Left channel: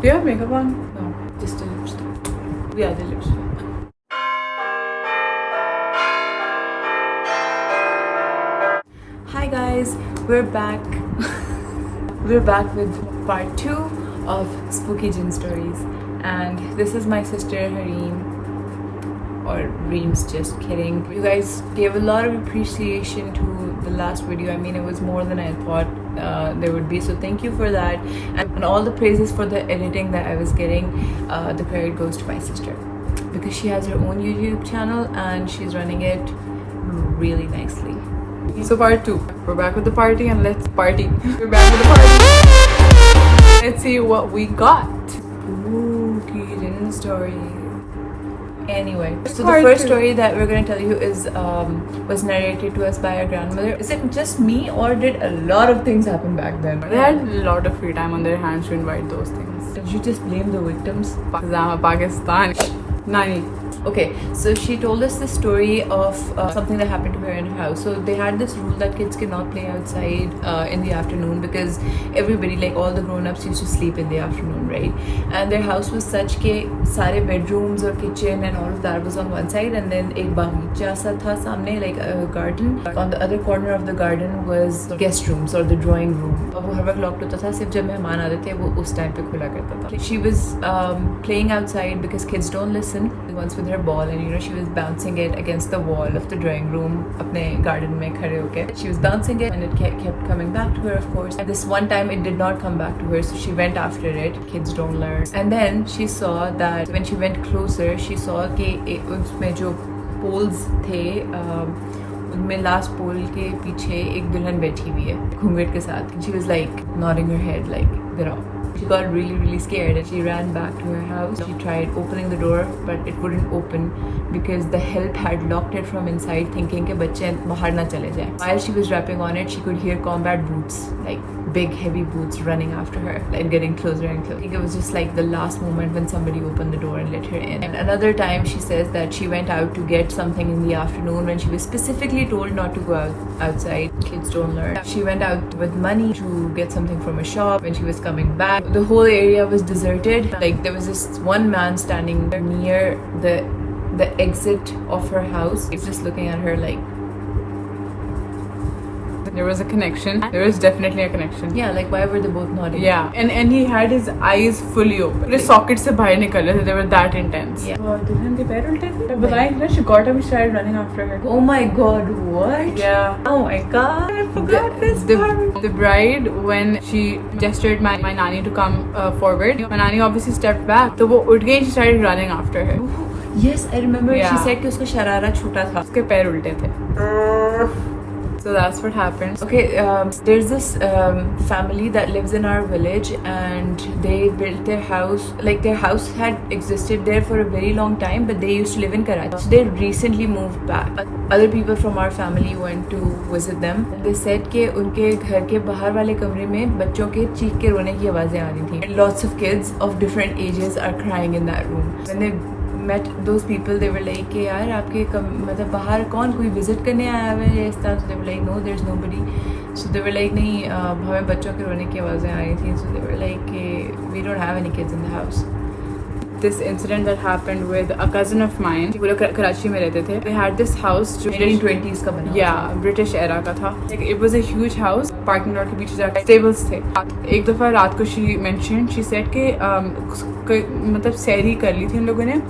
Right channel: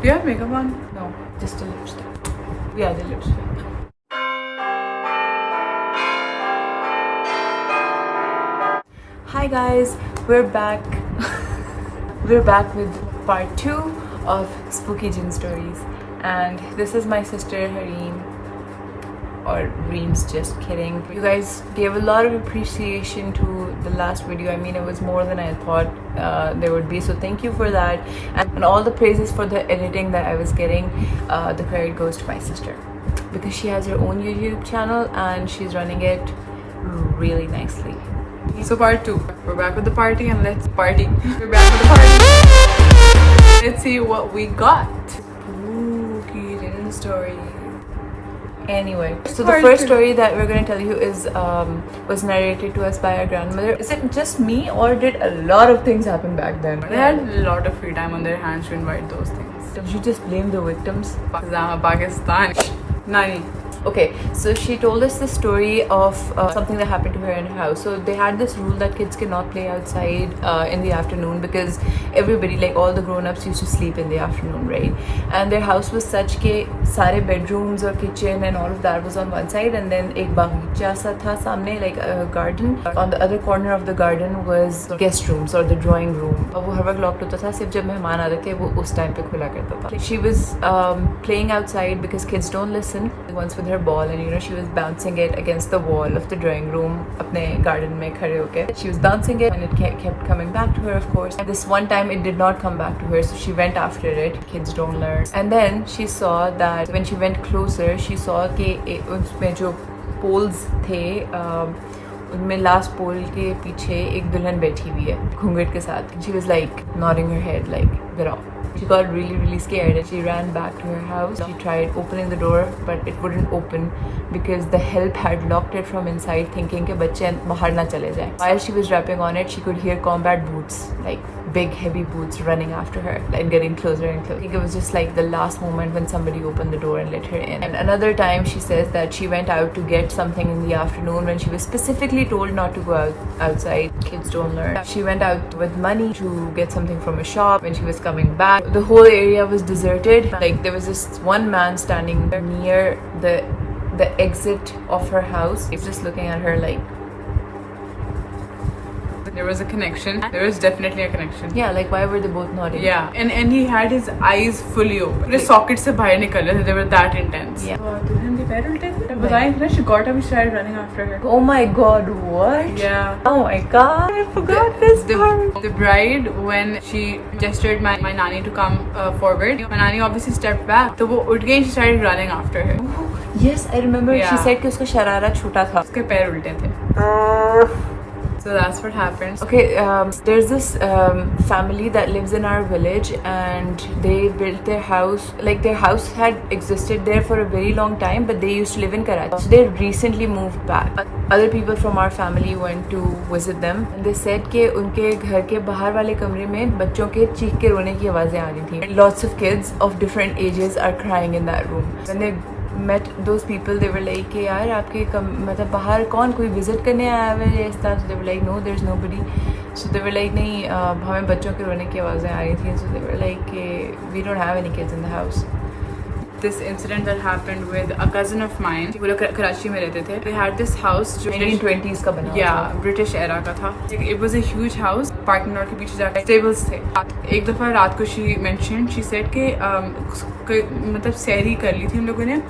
Do you have makeup on? No, just a lipstick. Yeah, the lipstick. Hi guys, we're back. We're back with part 2 of Spooky Jinn Stories, and this is my sister Hareem, or Reem's, just kidding. You guys gave a lot of appreciation to the last video. I mean, it was more than I thought there would be, so thank you for that, and all the praises for the editing that I was getting. The credit goes to my sister because she has her own YouTube channel and she's running it really nicely. So part 2. We're back with the party and let's party. We're back with the party. Let's see what we got. Spooky Jinn story. Anyway, so the first story that we're going to tell you is was narrated to us by our grandmother. Is it just me, or did a lot of things happen back then? They had a lot of free time on their hands to invite those things. Did you just blame the victims? Pakistan. Nani. Okay, so she told us the story of something that happened to her in her house. So they had this rule that kids cannot play outside in the afternoon because everybody, like all the grown-ups, used to sleep in the afternoon, right? And their house was such that sare bedrooms or kitchen and all of that was on one side, and then ek baghcha sa tha samne, like a garden. On the other corner of the garden was guest rooms or the drawing room. वो हर वक्त lock होता था, सिर्फ जब मेहमान आते थे वो उस टाइम पे खुला करता था. She was playing outside because kids don't listen. Once with her ball, and she was bouncing it against the wall of the drawing room अपने garden में खड़े होके. She was bouncing it and it kept coming back to her, of course. And this one time it did not come back to her, so she went after it. Kids don't learn. And then she saw that when she went closer, she saw कि उसमें जो poles थे, उनमें last पोल के पीछे एक दुल्हन बैठी हुई है घूंघट के साथ. She was like nodding her head like get out. She got really scared and she ran back to her house. She tried opening the door but it wouldn't open because the help had locked it from inside, thinking कि बच्चे बाहर ना चले जाएं. While she was rapping on it, she could hear combat boots, like big heavy boots, running after her and getting closer and closer. I think it was just like the last moment when somebody opened the door and let her in. And another time she says that she went out to get something in the afternoon when she was specifically told not to go outside. Kids don't learn. She went out with money to get something from a shop. When she was coming back, the whole area was deserted. Like there was this one man standing near the exit of her house. He's just looking at her like. There was a connection. There was definitely a connection. Yeah, like why were they both nodding? Yeah, and he had his eyes fully open. The sockets से बाहर निकल रहे थे. They were that intense. Yeah. दुल्हन के पैर उल्टे थे. बताएं ना, she got up and started running after her. Oh my god, what? Yeah. Oh my god, I forgot this part. The bride, when she gestured my nanny to come forward, my nanny obviously stepped back. So वो उठ गई and she started running after her. Yes, I remember. Yeah. She said कि उसका शरारा छोटा था. उसके पैर उल्टे थे. So that's what happened. Okay, there's this family that lives in our village, and they built their house. Like their house had existed there for a very long time, but they used to live in Karachi. So they recently moved back. Other people from our family went to visit them. They said कि उनके घर के बाहर वाले कमरे में बच्चों के चीख के रोने की आवाजें आ रही थी. Lots of kids of different ages are crying in that room. When they met those people, they were like कि यार आपके मतलब बाहर कौन कोई विजिट करने आया हुआ है इस तरह. So they were like no, there's nobody. So they were like नहीं हमें बच्चों के रोने की आवाज़ें आ रही थी. So they were like we don't have any kids in the house. This incident that happened with a cousin of mine, वो लोग कराची में रहते थे. They had this house जो 1920s का बना. Yeah, British era का था. It was a huge house. Parking lot के पीछे जाकर stables थे. एक दफ़ा रात को she mentioned, she said कि मतलब सहरी कर ली थी हम लोगों ने,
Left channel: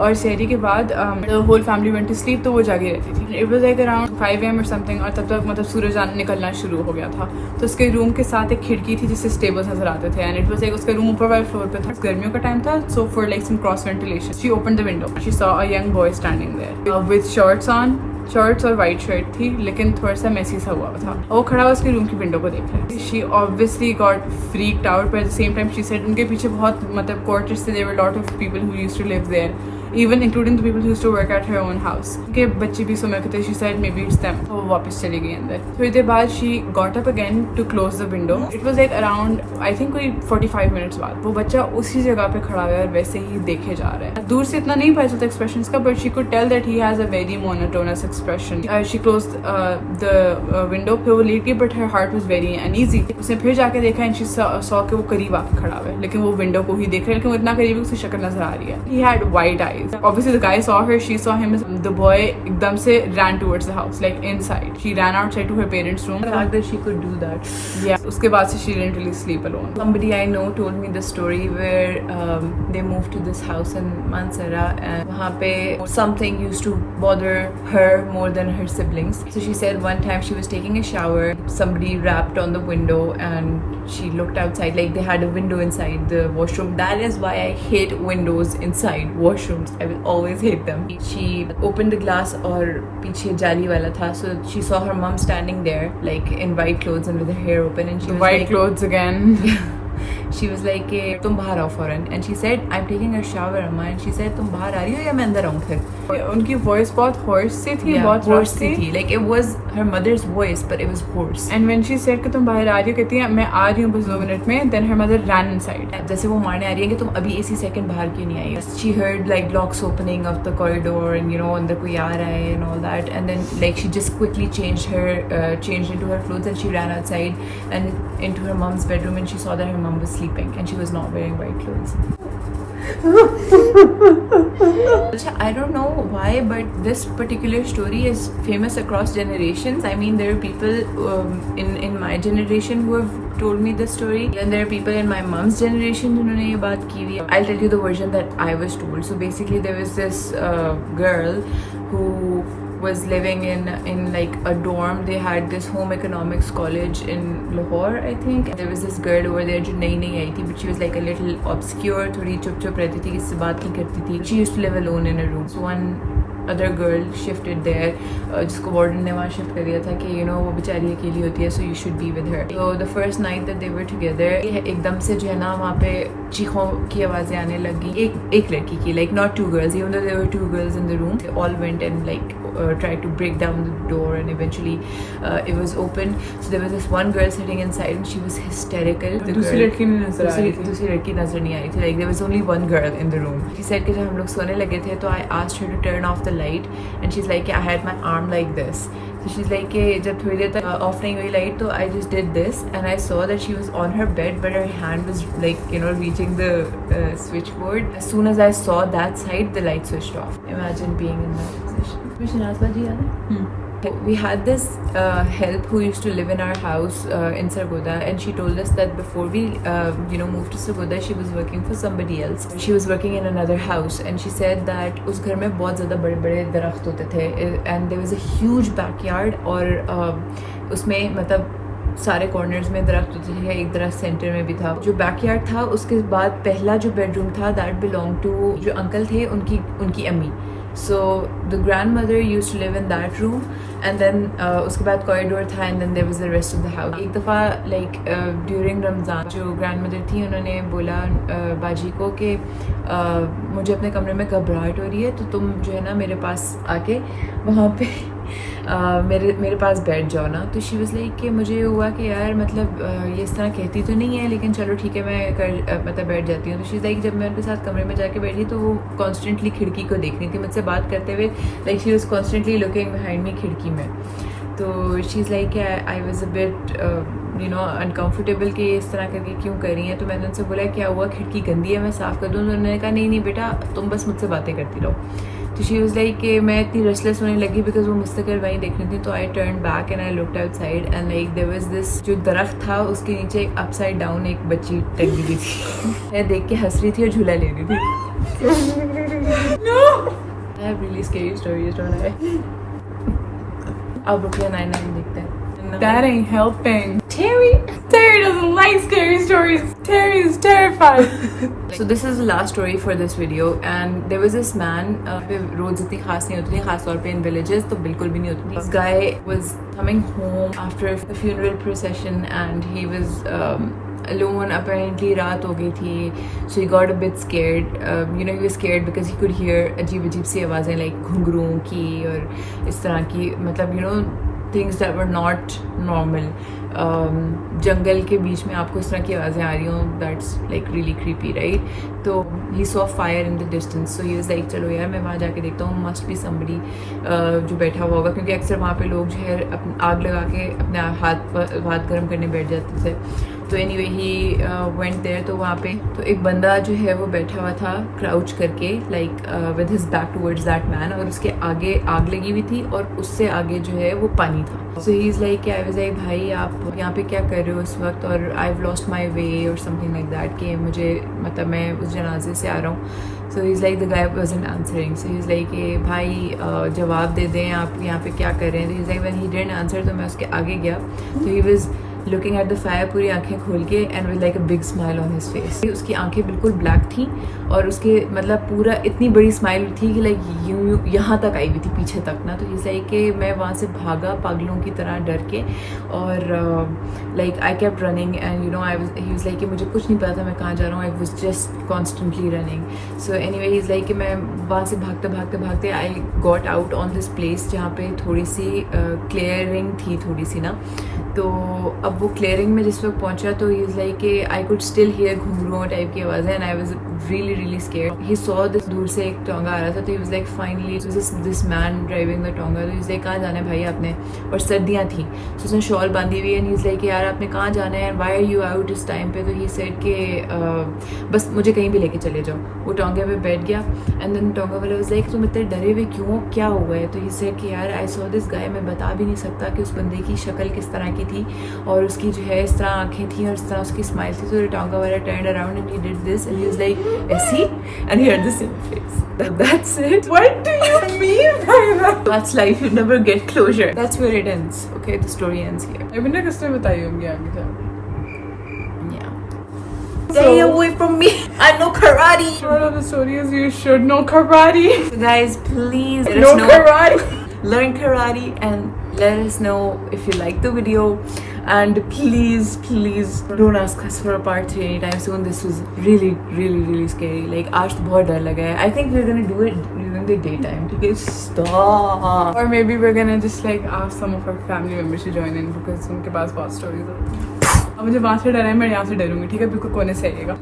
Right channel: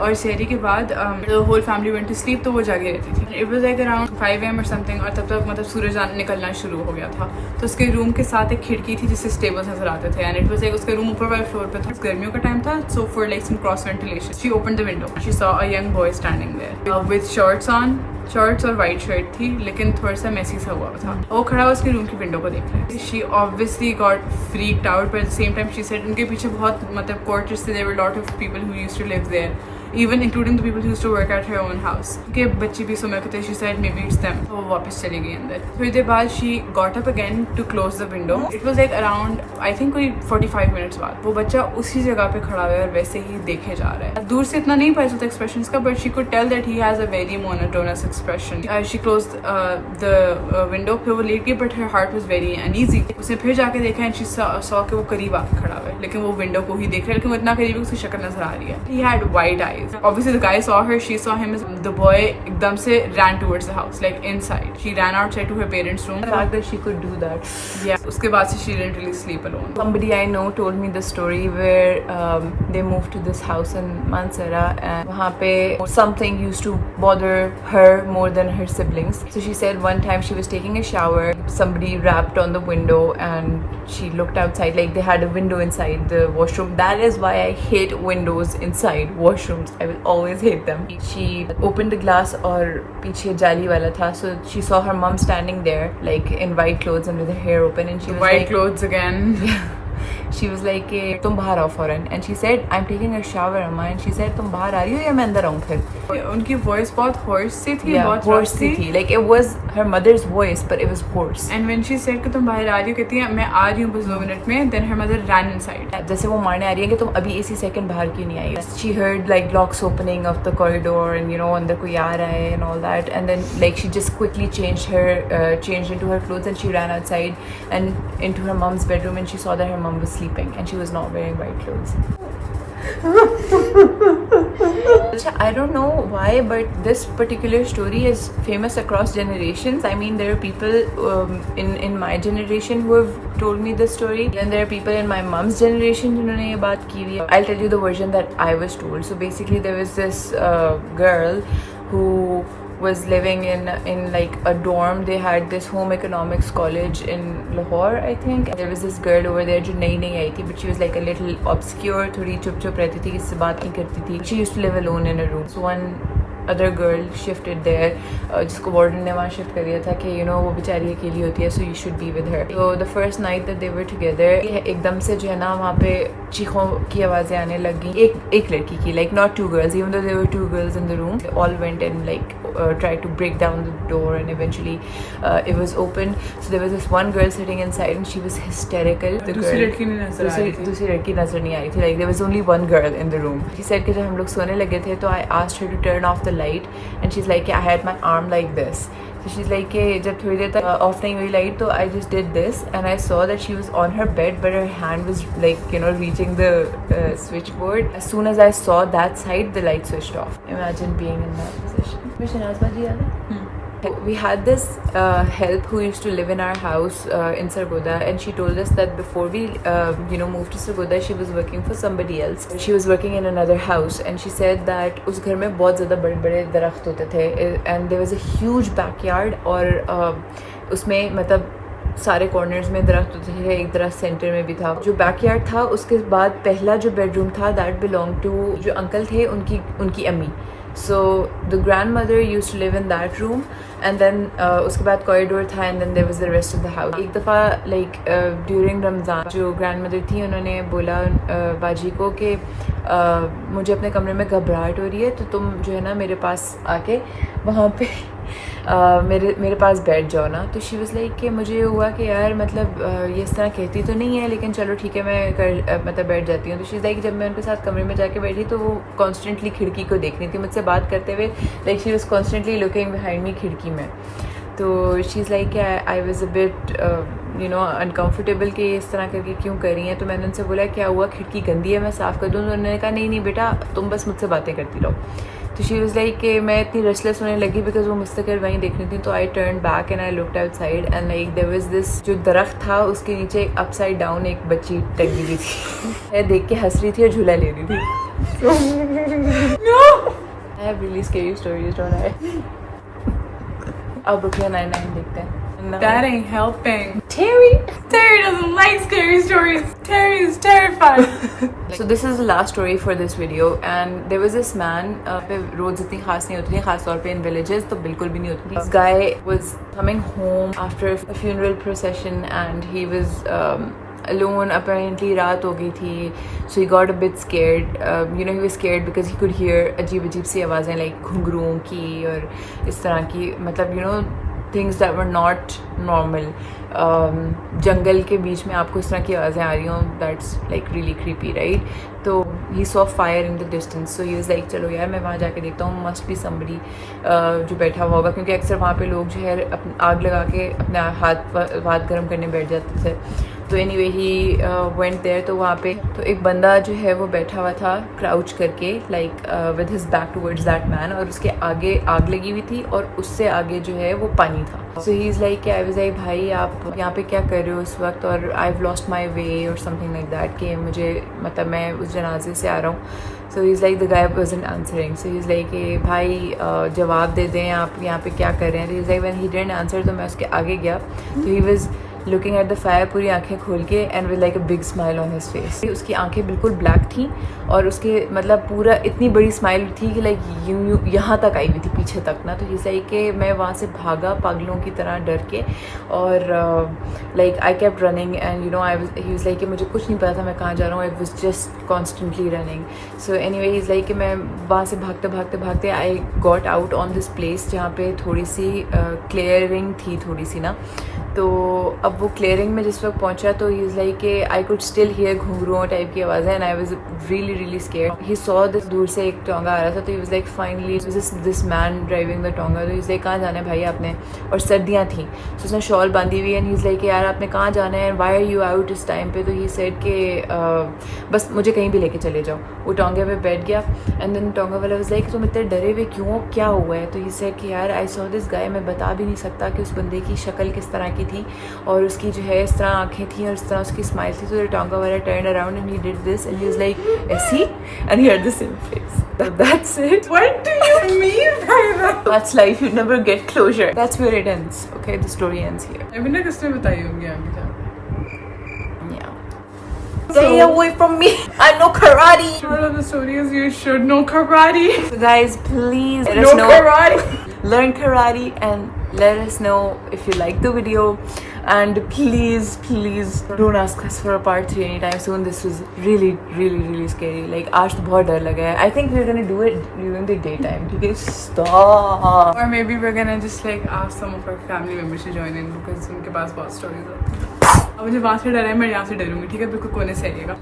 और सहरी के बाद the whole family went to sleep, तो वो जागे रहती थी. It was like around 5 AM or something, और तब तक मतलब सूरज निकलना शुरू हो गया था. तो उसके रूम के साथ एक खिड़की थी जिससे स्टेबल्स नजर आते थे, and it was like उसका रूम ऊपर वाले फ्लोर पे था. गर्मियों का टाइम था, so for like some cross ventilation, she opened the window. She saw a young boy standing there with shorts on. Shorts और वाइट शर्ट थी, लेकिन थोड़ा सा मैसी सा हुआ था. वो खड़ा उसके रूम की विंडो को देख रहा है. She obviously got freaked out, but at the same time she said उनके पीछे बहुत मतलब क्वार्टर्स थे. There were lot of people who used to live there, even including the people who used to work at her own house. के बच्चे भी सो में थे. She said maybe it's them. तो वो वापस चली गई अंदर. थोड़ी देर बाद she got up again to close the window. It was like around I think कोई 45 minutes बाद वो बच्चा उसी जगह पे खड़ा हुआ है और वैसे ही देखे जा रहा है. दूर से इतना नहीं पता चलता expressions का, but she could tell that he has a very monotonous expression. She closed the window. फिर वो लेट गई, but her heart was very uneasy. उसने फिर जाके देखा and she saw कि वो करीब आके खड़ा हुआ है, लेकिन वो विंडो को ही देख रहा है, लेकिन वो इतना करीब है उसकी शक्ल नजर आ रही है. He had white eyes. Obviously the guy saw her, she saw him. The boy एकदम से ran towards the house, like inside. She ran outside to her parents' room. The fact that she could do that. Yeah. उसके बाद से she didn't really sleep alone. Somebody I know told me the story where they moved to this house in Mansara, and वहाँ पे something used to bother her more than her siblings. So she said one time she was taking a shower, somebody rapped on the window and she looked outside, like they had a window inside the washroom. That is why I hate windows inside washrooms. I will always hate them. She opened the glass और पीछे जाली वाला था, so she saw her mom standing there like in white clothes and with her hair open, and she was white like, clothes again. she was like तुम बाहर आओ फौरन, and she said I'm taking a shower Amma, and she said तुम बाहर आ रही हो या मैं अंदर आऊँ फिर. उनकी voice बहुत hoarse सी थी, बहुत hoarse rough थी. Like it was her mother's voice but it was hoarse. And when she said कि तुम बाहर आ रही हो, कहती है मैं आ रही हूँ बस 2 मिनट में, then her mother ran inside. जैसे वो मारने आ रही है कि तुम अभी इसी सेकंड बाहर क्यों नहीं आई. She heard like locks opening of the corridor and you know अंदर कोई आ रहा है and all that, and then like she just quickly changed into her clothes and she ran outside and into her mom's bedroom, and she saw that her mom was sleeping and she was not wearing white clothes. I don't know why, but this particular story is famous across generations. I mean, there are people in my generation who have told me this story. Then there are people in my mom's generation जिन्होंने ये बात की हुई. I'll tell you the version that I was told. So basically, there was this girl who was living in like a dorm. They had this home economics college in Lahore, I think. There was this girl over there जो नई नई आई थी, but she was like a little obscure, थोड़ी चुप रहती थी, किससे बात नहीं करती थी. She used to live alone in a room. So one other girl shifted there, जिसको वार्डन ने वहाँ शिफ्ट कर दिया था कि you know वो बेचारी अकेली होती है, so you should be with her. So the first night that they were together, एकदम से जो है ना वहाँ पे चीखों की आवाज़ें आने लगी. एक लड़की की, like not two girls, even though there were 2 girls in the room. They all went and like tried to break down the door, and eventually it was open. So there was this one girl sitting inside and she was hysterical. दूसरी लड़की नहीं नजर आ रही थी. दूसरी लड़की नजर नहीं आ रही थी. Like there was only one girl in the room. She said कि जब हम लोग सोने लगे थे तो I asked her to turn off the light, and she's like I had my arm like this. So she's like कि जब थोड़ी देर तक ऑफ नहीं हुई लाइट तो I just did this, and I saw that she was on her bed but her hand was like you know reaching the switchboard. As soon as I saw that side, the light switched off. Imagine being in that position. Shanaz bhaji aa We had this help who used to live in our house in Sargodha, and she told us that before we moved to Sargodha, she was working for somebody else. She was working in another house, and she said that उस घर में बहुत ज़्यादा बड़े-बड़े दरख्त होते थे, and there was a huge backyard, और उसमें मतलब सारे कॉर्नर्स में दरख्त होते थे, एक दरख्त सेंटर में भी था. जो बैकयार्ड था उसके बाद पहला जो बेडरूम था दैट बिलोंग टू जो अंकल थे उनकी अम्मी. So the grandmother used to live in that room, and then उसके बाद कॉरिडोर था, and then there was the rest of the house. एक दफ़ा like during रमज़ान जो grandmother थी उन्होंने बोला बाजी को कि मुझे अपने कमरे में घबराहट हो रही है, तो तुम जो है ना मेरे पास आके वहाँ पे मेरे पास बैठ जाओ ना. तो शी वाज लाइक कि मुझे हुआ कि यार मतलब ये इस तरह कहती तो नहीं है, लेकिन चलो ठीक है मैं मतलब बैठ जाती हूँ. तो शी लाइक जब मैं उनके साथ कमरे में जाके बैठी तो वो कॉन्स्टेंटली खिड़की को देख रही थी मुझसे बात करते हुए. Like she was constantly looking behind me खिड़की में. तो she is like I was a bit uncomfortable कि इस तरह करके क्यों कर रही हैं. तो मैंने उनसे बोला क्या हुआ, खिड़की गंदी है मैं साफ़ कर दूँ. तो उन्होंने कहा नहीं बेटा तुम बस मुझसे बातें करती रहो. तो शी वाज लाइक कि मैं इतनी रेस्टलेस होने लगी बिकॉज वो मुझसे कर वहीं देखनी थी. तो I turn back and I looked outside, and like there was this जो दरख्त था उसके नीचे अपसाइड डाउन एक बच्ची टंगी हुई थी. मैं देख के हंस रही थी और झूला ले रही थी. I have really scary stories don't I. अब ब्रुकलिन 99 देखते हैं. That ain't helping. Terry doesn't like scary stories. Terry is terrified. So this is the last story for this video, and there was this man. रोज इतनी खास नहीं होती है, खास तौर पे in villages तो बिल्कुल भी नहीं होती. This guy was coming home after a funeral procession, and he was alone. Apparently रात हो गई थी, so he got a bit scared. He was scared because he could hear अजीब सी आवाज़ें like घुंघरुओं की और इस तरह की, मतलब things that were not normal. जंगल के बीच में आपको इस तरह की आवाज़ें आ रही हों, that's like really creepy, right? تو he saw fire in the distance, so he was like چلو یار میں وہاں جا کے دیکھتا ہوں, must be somebody جو بیٹھا ہوا ہوگا, کیونکہ اکثر وہاں پہ لوگ جو ہے آگ لگا کے اپنے ہاتھ گرم کرنے بیٹھ جاتے تھے. تو any way he went there, تو وہاں پہ تو ایک بندہ جو ہے وہ بیٹھا ہوا تھا کراؤچ کر کے, like with his back towards that man, اور اس کے آگے آگ لگی ہوئی تھی اور اس سے آگے جو ہے وہ پانی تھا. So he is like I was like بھائی آپ یہاں پہ کیا کر رہے ہو اس وقت, اور آئی ہیو لاسٹ مائی وے اور سم تھنگ لائک دیٹ, کہ مجھے مطلب میں اس جنازے سے آ رہا ہوں. So he is like the guy wasn't answering, so he is like کہ بھائی جواب دے دیں آپ یہاں پہ کیا کر رہے ہیں. He is like when he didn't answer, تو میں اس کے آگے گیا, تو he was looking at the fire, پوری آنکھیں کھول کے, and with like a big smile on his face. اس کی آنکھیں بالکل بلیک تھیں اور اس کے مطلب پورا اتنی بڑی اسمائل تھی کہ لائک یہاں تک آئی ہوئی تھی پیچھے تک نا. تو یہ صحیح کہ میں وہاں سے بھاگا پاگلوں کی طرح ڈر کے, اور like I kept running, and you know he was like کہ مجھے کچھ نہیں پتا تھا میں کہاں جا رہا ہوں, I was just constantly running. So any way is like کہ میں وہاں سے بھاگتے I got out on this place جہاں پہ تھوڑی سی کلیئرنگ تھی تھوڑی سی نا. تو اب وہ کلیئرنگ میں جس وقت پہنچا تو ہی از لائک کہ I could still hear ghungroo type کی آواز ہے, and I was really scared. He saw this, دور سے ایک ٹونگا آ رہا تھا, تو he was like finally this man driving the tonga. تو ہی از لائک کہاں جانا ہے بھائی آپ نے, اور سردیاں تھیں, تو اس نے شال باندھی ہوئی, اینڈ ہی از لائک کہ یار آپ نے کہاں جانا ہے, and why are you out اس ٹائم پہ. تو ہی سیڈ کہ بس مجھے کہیں بھی لے کے چلے جاؤ. وہ ٹونگے پہ بیٹھ گیا, اینڈ دین ٹونگا والا واز لائک تم اتنے ڈرے ہوئے کیوں, کیا ہوا ہے. تو ہی سیڈ کہ یار آئی سو دس گائے, میں بتا بھی نہیں سکتا کہ اس بندے کی شکل کس طرح کی تھی, اور اس کی جو ہے اس طرح آنکھیں تھیں اور اس طرح اس کی اسمائل تھی. تو ٹانگا والا turned around and he did this, and he was like ایسی, and he had the same face. That's it. What do you mean by that? That's life, you never get closure. That's where it ends. Okay, the story ends here. I mean, کس نے بتائی ہوگی آگے جا کے. Yeah. Stay away from me. I know karate. Short of the story is you should know karate. So guys, please let Know us know. karate. Learn karate and let us know if you like the video. And please don't ask us for a part 3 anytime soon. This is really scary. Like aaj to bahut dar laga hai. I think we're gonna do it during the daytime. Because stop. Or maybe we're gonna just like ask some of our family members to join in because ان کے پاس بہت stories ہوتی ہیں. اب مجھے وہاں سے ڈر ہے, میں یہاں سے ڈروں گی, ٹھیک ہے, بالکل کونے سے آئیے گا.